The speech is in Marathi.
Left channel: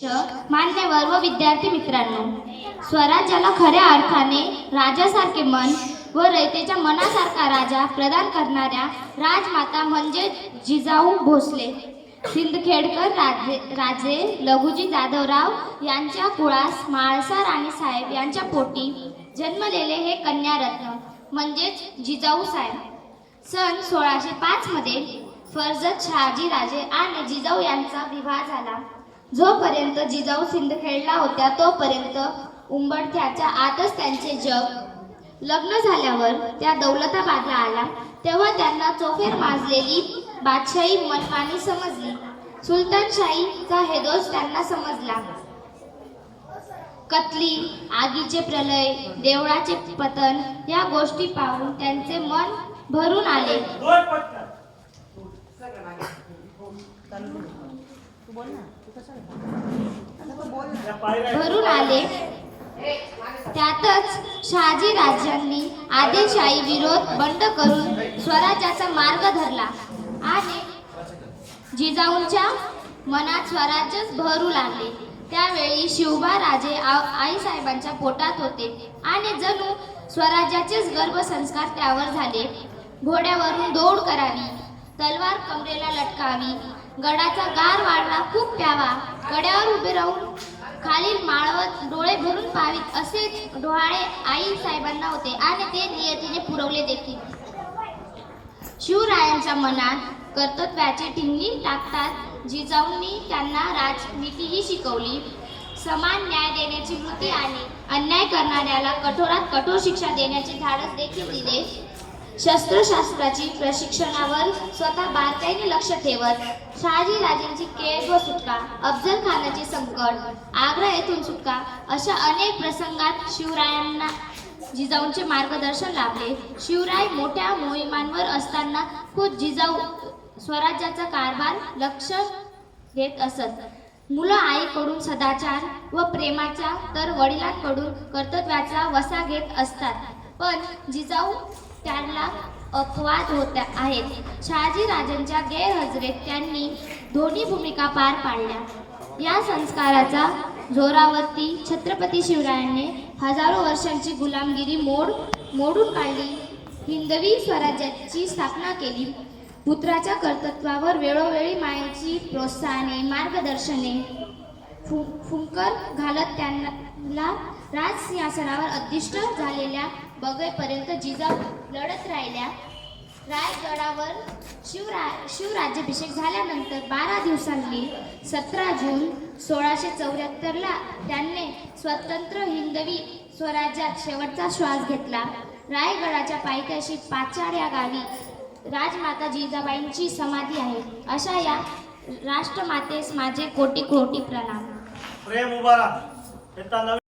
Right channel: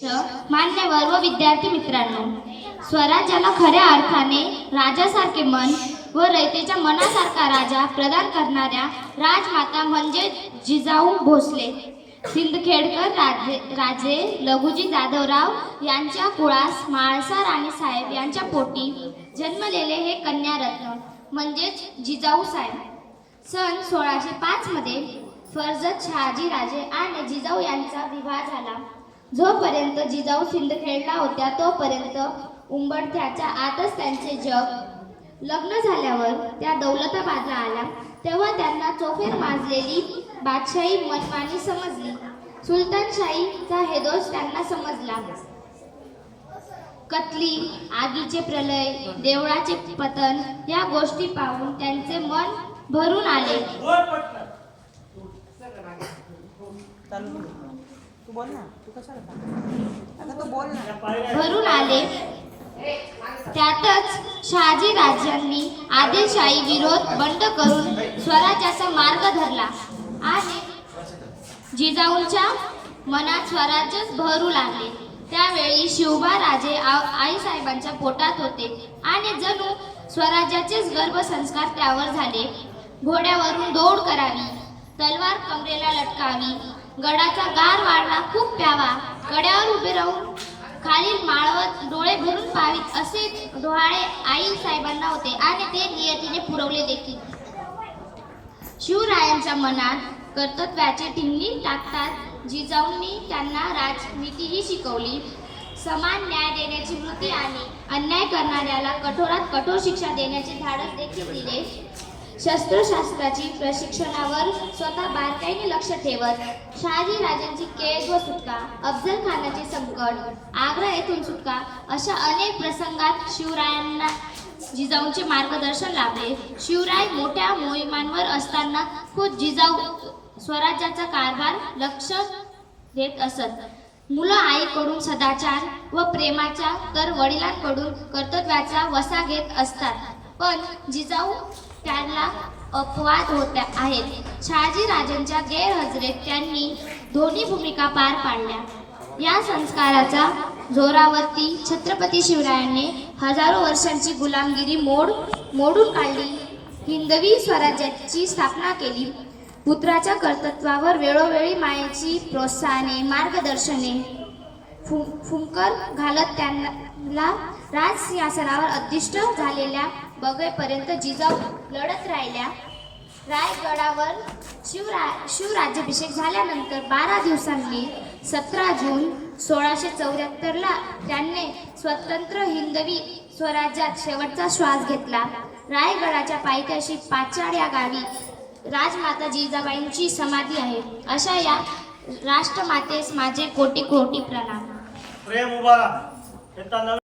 मान्यवर व विद्यार्थी मित्रांनो स्वराज्याला खऱ्या अर्थाने राजासारखे मन व रयतेच्या मनासारखा राजा प्रदान करणाऱ्या राजमाता म्हणजे जिजाऊ भोसले. सिंदखेडकर राजे राजे लघुजी जाधवराव यांच्या कुळास म्हाळसा राणीसाहेब यांच्या पोटी जन्मलेले हे कन्यारत्न म्हणजेच जिजाऊ साहेब. सन सोळाशे पाचमध्ये फर्जत शहाजी राजे आणि जिजाऊ यांचा विवाह झाला. जोपर्यंत जिजाऊ सिंदखेडला होत्या तोपर्यंत उंबरठ्याच्या आतच त्यांचे जग लग्न झाल्यावर त्या दौलताबादला आल्या. तेव्हा त्यांना चोफेर माजलेली बादशाही मनमानी समजली. सुलतानशाहीचा हेदोस त्यांना समजला. कतली आगीचे प्रलय देवळाचे पतन या गोष्टी पाहून त्यांचे मन भरून आले. तू बोल ना. तू कशाला आता तू बोल ना. भरून आले. त्यातच शहाजी राजांनी आदिलशाही विरोध बंद करून स्वराज्याचा मार्ग धरला आणि जिजाऊंच्या मनात स्वराज्यच भरू लागले. त्यावेळी शिवबा राजे आ- आईसाहेबांच्या पोटात होते आणि जणू स्वराज्याचेच गर्भसंस्कार त्यावर झाले. घोड्यावरून दौड करावी. तलवार कमरेला लटकावी. गडाचा गार वाढला खूप प्यावा. गड्यावर उभे राहून खालील माळवत डोळे भरून पावीत असे डोहाळे आई साहेबांना होते आणि ते नियतीने पुरवले देखील. शिवरायांच्या मनात कर्तव्याची ठिणगी टाकतात जिजाऊंनी त्यांना राजनीतीही शिकवली. समान न्याय देण्याची वृत्ती आणि अन्याय करणाऱ्याला कठोरात कठोर शिक्षा देण्याचे धाडस देखील दिले. शस्त्रशास्त्राची प्रशिक्षणावर स्वतः बारकाईने लक्ष ठेवत शहाजी राजांची केस व सुटका अफजल खानाचे संकट आग्रा येथून सुटका अशा अनेक प्रसंगात शिवरायांना जिजाऊंचे मार्गदर्शन लाभले. शिवराय मोठ्या मोहिमांवर असताना खुद जिजाऊ स्वराज्याचा कारभार लक्ष घेत असत. मुलं आईकडून सदाचार व प्रेमाच्या तर वडिलांकडून कर्तव्याचा वसा घेत असतात. पण जिजाऊ त्यांना अपवाद होत्या आहेत. शहाजी राजांच्या गैरहजेरीत त्यांनी दोन्ही भूमिका पार पाडल्या. या संस्काराचा जोरावरती छत्रपती शिवरायांनी हजारो वर्षांची गुलामगिरी मोड मोडून काढली. हिंदवी स्वराज्याची स्थापना केली. पुत्राच्या कर्तृत्वावर वेळोवेळी मायेची प्रोत्साहने मार्गदर्शने फु फुंकर घालत त्यांना राजसिंहासनावर अधिष्ठ झालेल्या बगेपर्यंत जिजाऊ लढत राहिल्या. रायगडावर शिवरा शिवराज्याभिषेक झाल्यानंतर बारा दिवसांनी सतरा जून सोळाशे चौऱ्याहत्तरला त्यांनी स्वतंत्र हिंदवी स्वराज्यात शेवटचा श्वास घेतला. रायगडाच्या पायथ्याशी पाचाड या गावी राजमाता जिजाबाईंची समाधी आहे. अशा या राष्ट्रमातेस माझे कोटी कोटी प्रणाम. प्रेम उभा.